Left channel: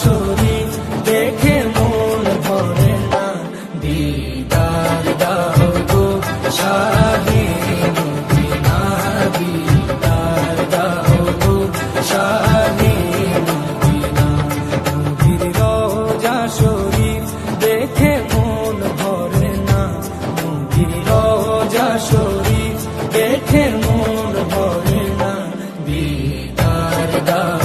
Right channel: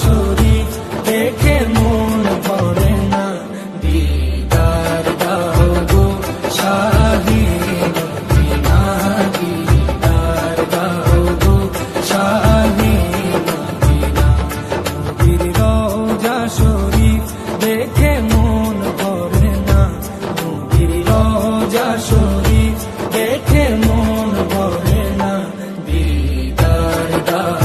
শরীফ দেখে মন ভরে না, দিদার দাও গো শাহে মদিনা, দিদার দাও গো শাহে মদিনা। নবীর রওজা শরীফ দেখে মন ভরে না, নবীর রওজা শরীফ দেখে মন ভরে না, দিদার দাও